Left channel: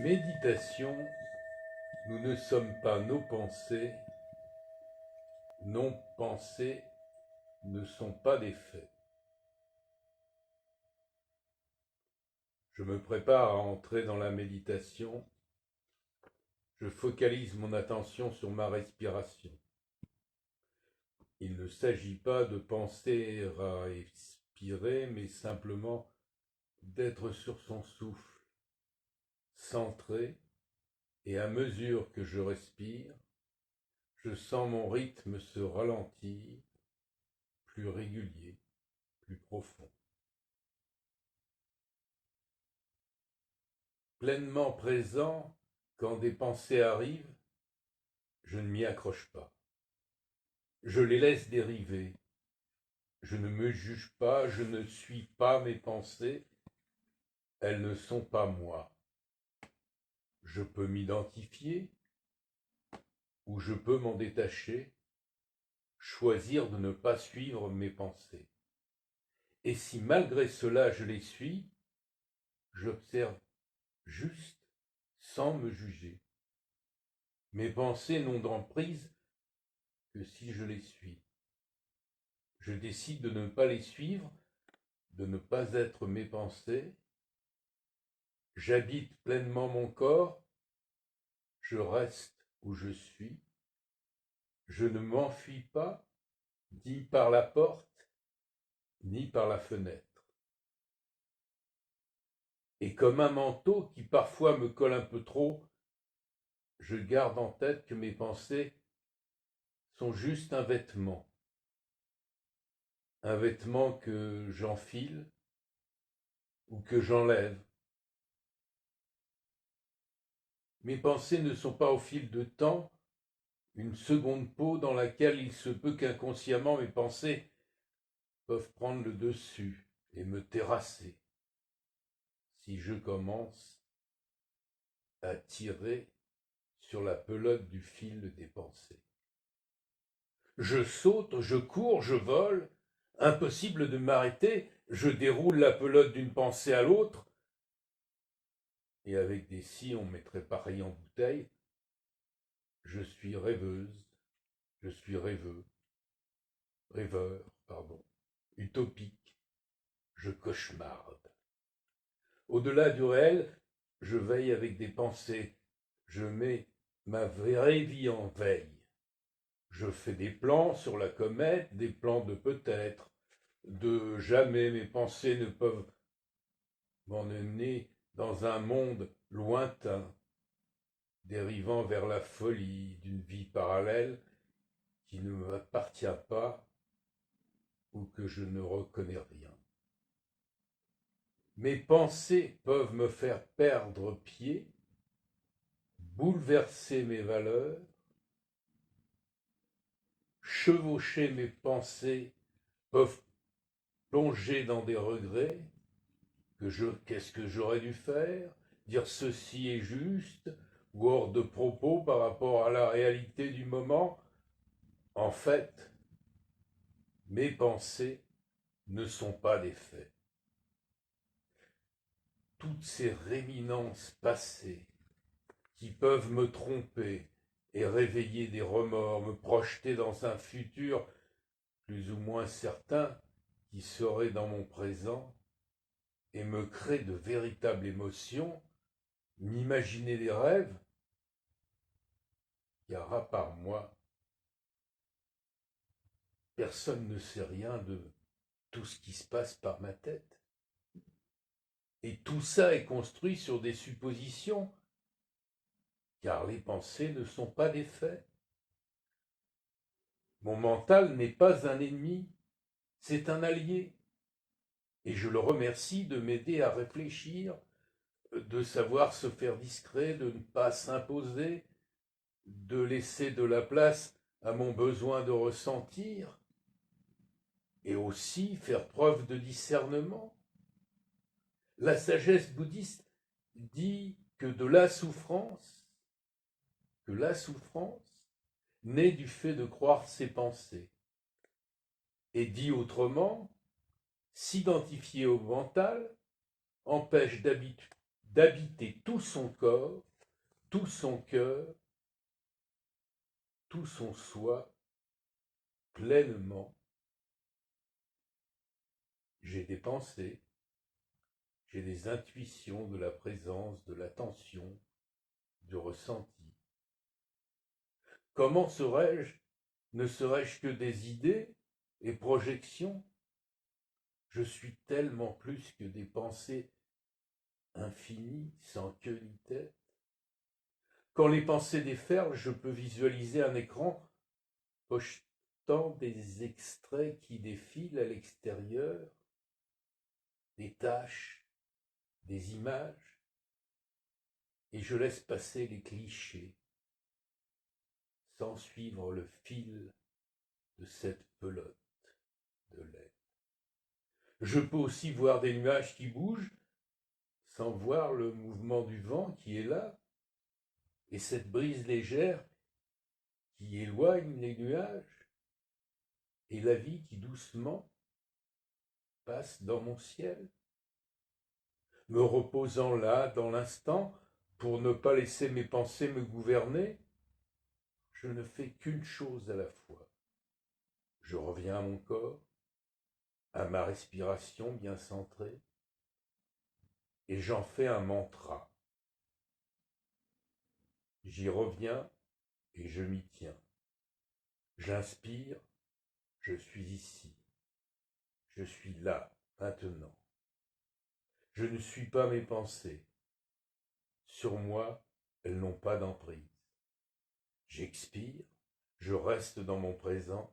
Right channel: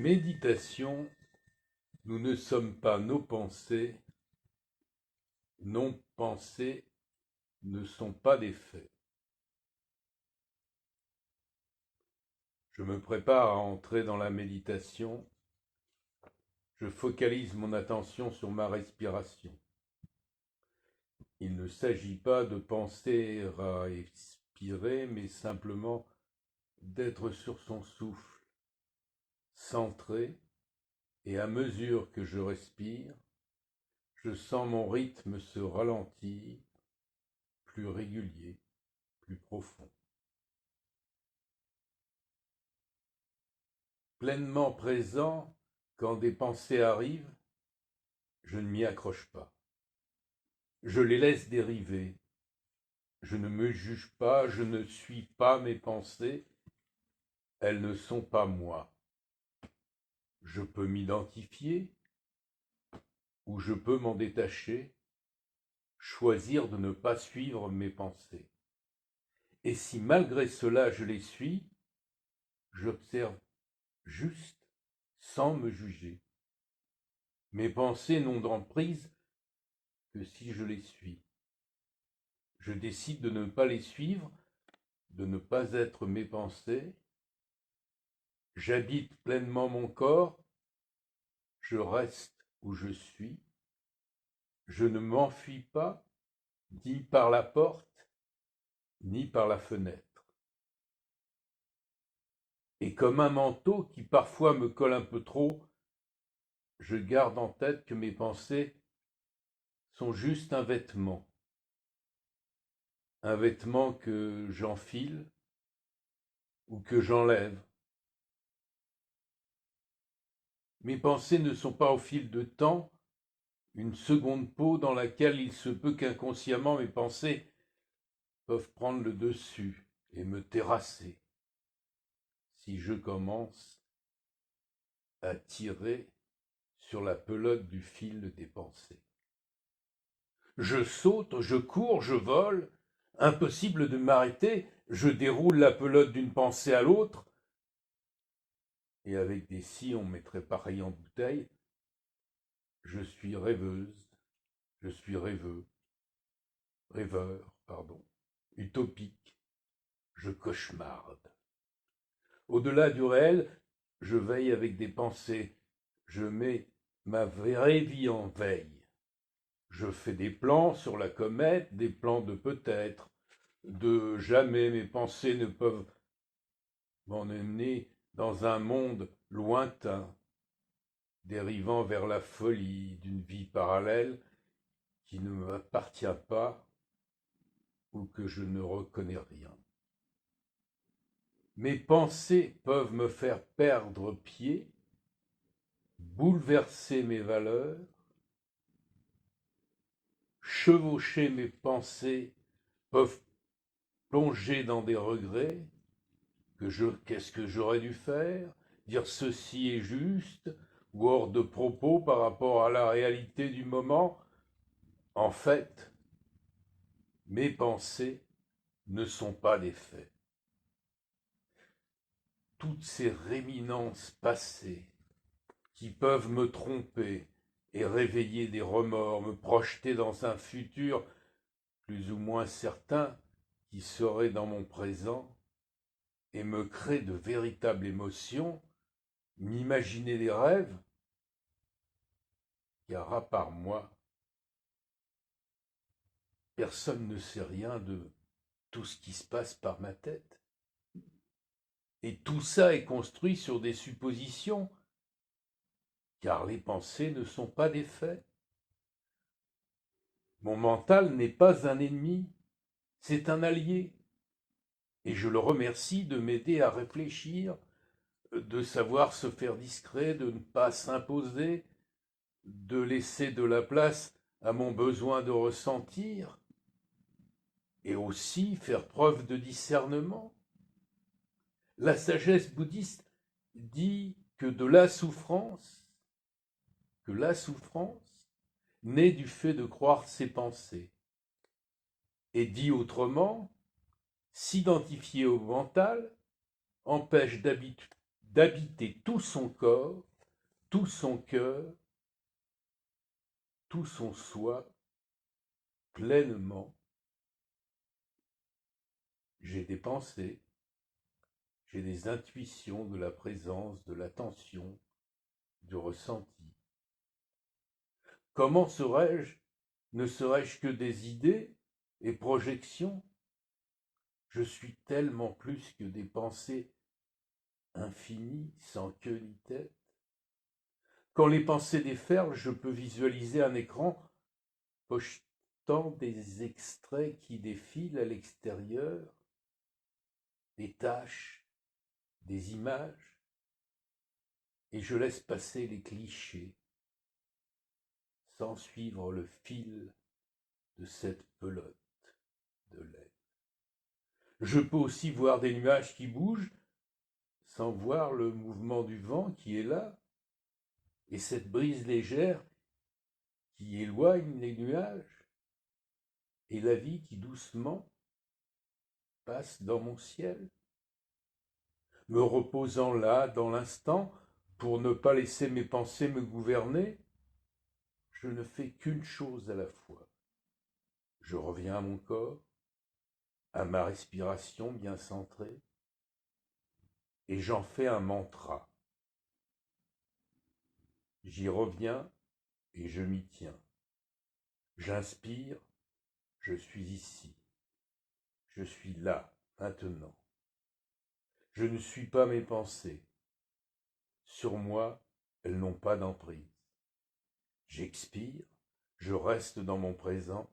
Méditation, nous ne sommes pas nos pensées, nos pensées ne sont pas des faits. Je me prépare à entrer dans la méditation, je focalise mon attention sur ma respiration. Il ne s'agit pas de penser à expirer, mais simplement d'être sur son souffle, centré, et à mesure que je respire, je sens mon rythme se ralentir, plus régulier, plus profond. Pleinement présent, quand des pensées arrivent, je ne m'y accroche pas. Je les laisse dériver. Je ne me juge pas, je ne suis pas mes pensées, elles ne sont pas moi. Je peux m'identifier ou je peux m'en détacher, choisir de ne pas suivre mes pensées. Et si malgré cela je les suis, j'observe juste sans me juger. Mes pensées n'ont d'emprise que si je les suis. Je décide de ne pas les suivre, de ne pas être mes pensées. J'habite pleinement mon corps, je reste où je suis. Je ne m'enfuis pas, ni par la porte, ni par la fenêtre. Et comme un manteau qui parfois me colle un peu trop, je garde en tête que mes pensées sont juste un vêtement que j'enfile ou que j'enlève. Mes pensées ne sont pas au fil de temps une seconde peau dans laquelle il se peut qu'inconsciemment mes pensées peuvent prendre le dessus et me terrasser si je commence à tirer sur la pelote du fil des pensées. Je saute, je cours, je vole, impossible de m'arrêter, je déroule la pelote d'une pensée à l'autre, et avec des si on mettrait pareil en bouteille, je suis rêveuse, je suis rêveur, utopique, je cauchemarde. Au-delà du réel, je veille avec des pensées, je mets ma vraie vie en veille. Je fais des plans sur la comète, des plans de peut-être, de jamais. Mes pensées ne peuvent m'emmener dans un monde lointain, dérivant vers la folie d'une vie parallèle qui ne m'appartient pas ou que je ne reconnais rien. Mes pensées peuvent me faire perdre pied, bouleverser mes valeurs, chevaucher mes pensées peuvent plonger dans des regrets, qu'est-ce que j'aurais dû faire, dire ceci est juste, ou hors de propos par rapport à la réalité du moment. En fait, mes pensées ne sont pas des faits. Toutes ces réminences passées qui peuvent me tromper et réveiller des remords, me projeter dans un futur plus ou moins certain qui serait dans mon présent et me créer de véritables émotions, m'imaginer des rêves, car à part moi, personne ne sait rien de tout ce qui se passe par ma tête. Et tout ça est construit sur des suppositions, car les pensées ne sont pas des faits. Mon mental n'est pas un ennemi, c'est un allié. Et je le remercie de m'aider à réfléchir, de savoir se faire discret, de ne pas s'imposer, de laisser de la place à mon besoin de ressentir, et aussi faire preuve de discernement. La sagesse bouddhiste dit que la souffrance naît du fait de croire ses pensées. Et dit autrement, s'identifier au mental empêche d'habiter tout son corps, tout son cœur, tout son soi pleinement. J'ai des pensées, j'ai des intuitions de la présence, de l'attention, du ressenti. Comment serais-je, ne serais-je que des idées et projections? Je suis tellement plus que des pensées infinies, sans queue ni tête. Quand les pensées déferlent, je peux visualiser un écran projetant des extraits qui défilent à l'extérieur, des taches, des images, et je laisse passer les clichés sans suivre le fil de cette pelote de lait. Je peux aussi voir des nuages qui bougent sans voir le mouvement du vent qui est là, et cette brise légère qui éloigne les nuages, et la vie qui doucement passe dans mon ciel, me reposant là dans l'instant pour ne pas laisser mes pensées me gouverner. Je ne fais qu'une chose à la fois. Je reviens à mon corps, à ma respiration bien centrée, et j'en fais un mantra. J'y reviens et je m'y tiens. J'inspire, je suis ici. Je suis là, maintenant. Je ne suis pas mes pensées. Sur moi, elles n'ont pas d'emprise. J'expire, je reste dans mon présent.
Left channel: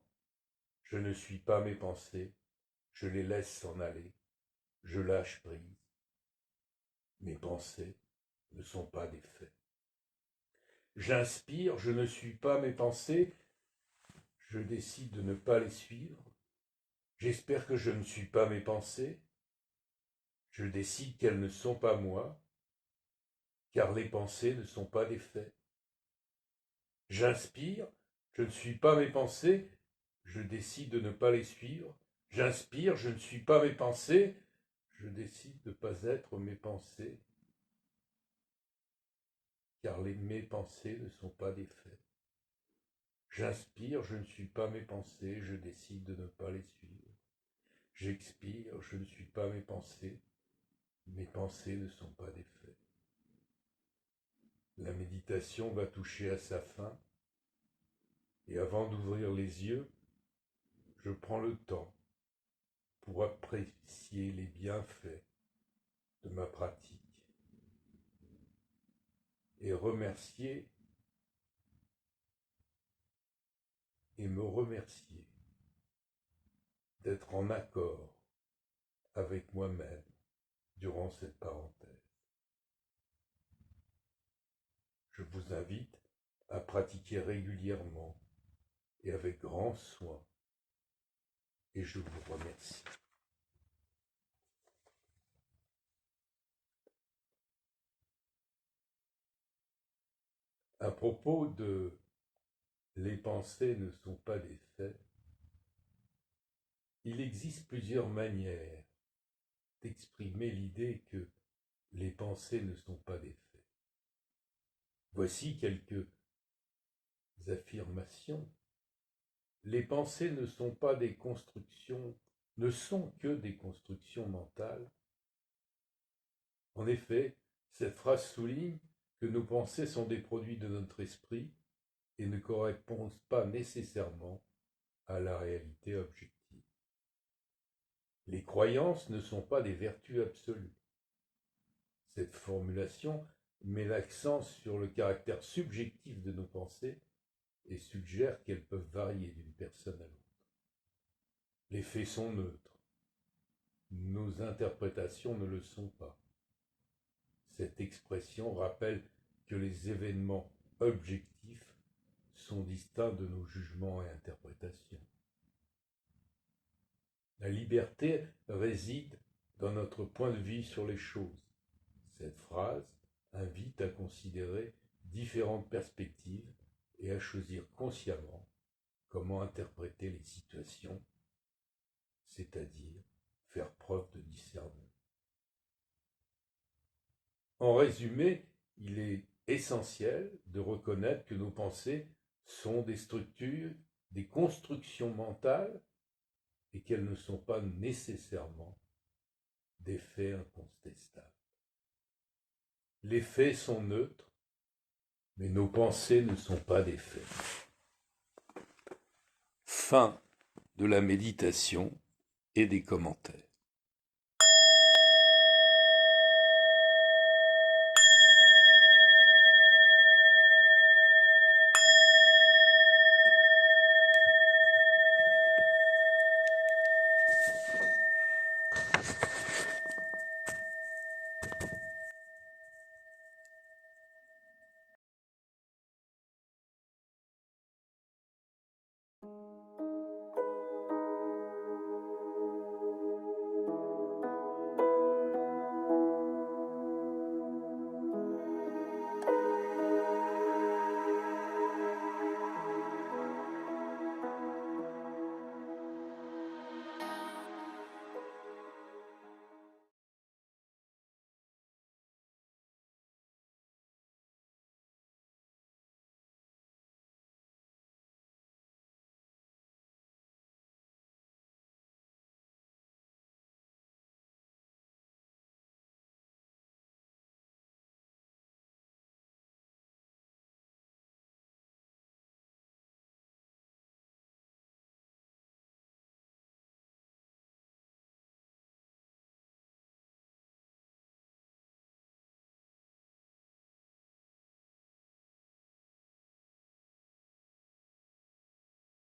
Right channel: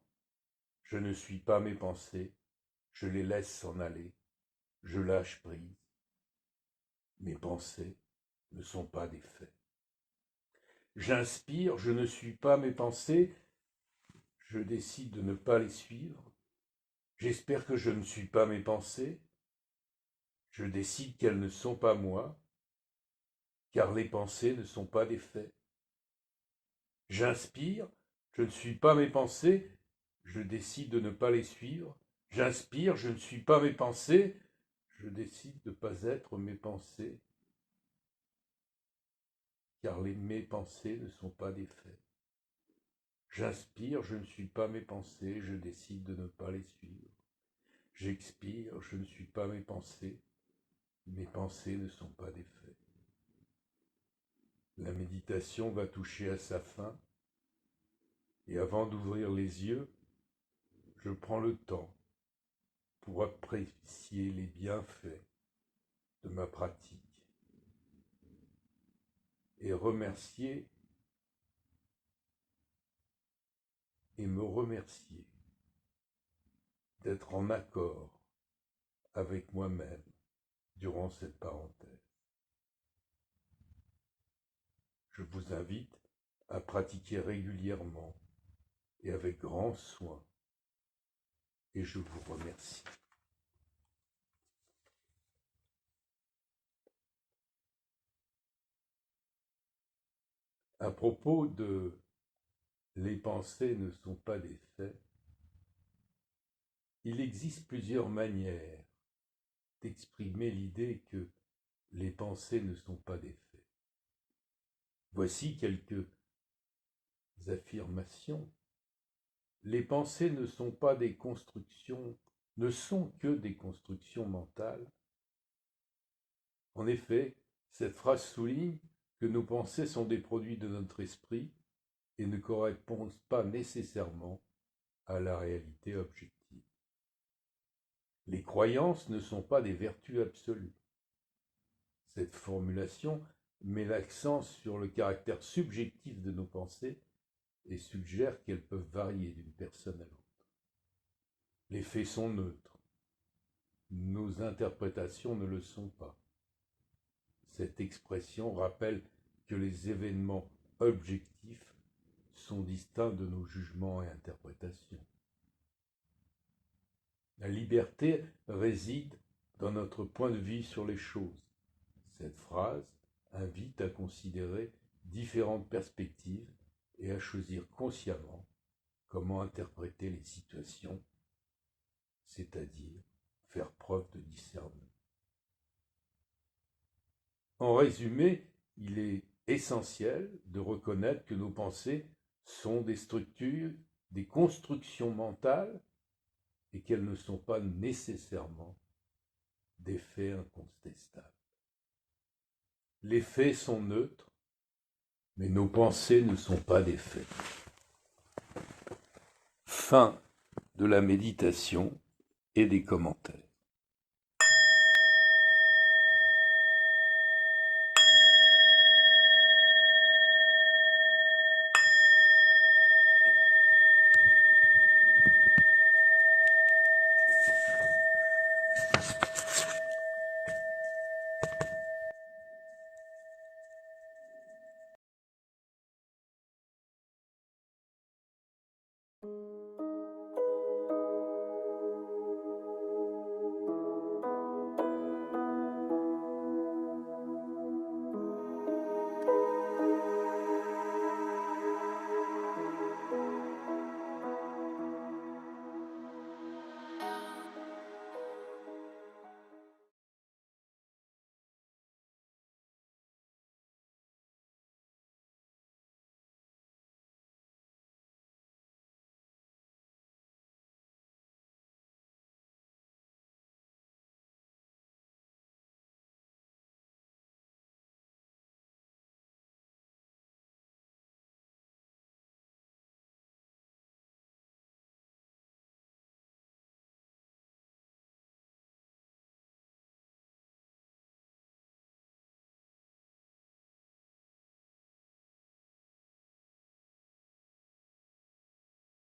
Je ne suis pas mes pensées. Je les laisse s'en aller. Je lâche prise. Mes pensées ne sont pas des faits. J'inspire, je ne suis pas mes pensées. Je décide de ne pas les suivre. J'espère que je ne suis pas mes pensées. Je décide qu'elles ne sont pas moi, car les pensées ne sont pas des faits. J'inspire, je ne suis pas mes pensées, je décide de ne pas les suivre. J'inspire, je ne suis pas mes pensées, je décide de ne pas être mes pensées, car mes pensées ne sont pas des faits. J'inspire, je ne suis pas mes pensées, je décide de ne pas les suivre. J'expire, je ne suis pas mes pensées ne sont pas des faits. La méditation va toucher à sa fin, et avant d'ouvrir les yeux, je prends le temps pour apprécier les bienfaits de ma pratique et remercier et me remercier d'être en accord avec moi-même durant cette parenthèse. Je vous invite à pratiquer régulièrement et avec grand soin, et je vous remercie. À propos de les pensées ne sont pas des faits, il existe plusieurs manières d'exprimer l'idée que les pensées ne sont pas des faits. Voici quelques affirmations. Les pensées ne sont pas des constructions, ne sont que des constructions mentales. En effet, cette phrase souligne que nos pensées sont des produits de notre esprit et ne correspondent pas nécessairement à la réalité objective. Les croyances ne sont pas des vertus absolues. Cette formulation met l'accent sur le caractère subjectif de nos pensées et suggère qu'elles peuvent varier d'une personne à l'autre. Les faits sont neutres. Nos interprétations ne le sont pas. Cette expression rappelle que les événements objectifs sont distincts de nos jugements et interprétations. La liberté réside dans notre point de vue sur les choses. Cette phrase invite à considérer différentes perspectives et à choisir consciemment comment interpréter les situations, c'est-à-dire faire preuve de discernement. En résumé, il est essentiel de reconnaître que nos pensées sont des structures, des constructions mentales et qu'elles ne sont pas nécessairement des faits incontestables. Les faits sont neutres, mais nos pensées ne sont pas des faits. Fin de la méditation et des commentaires.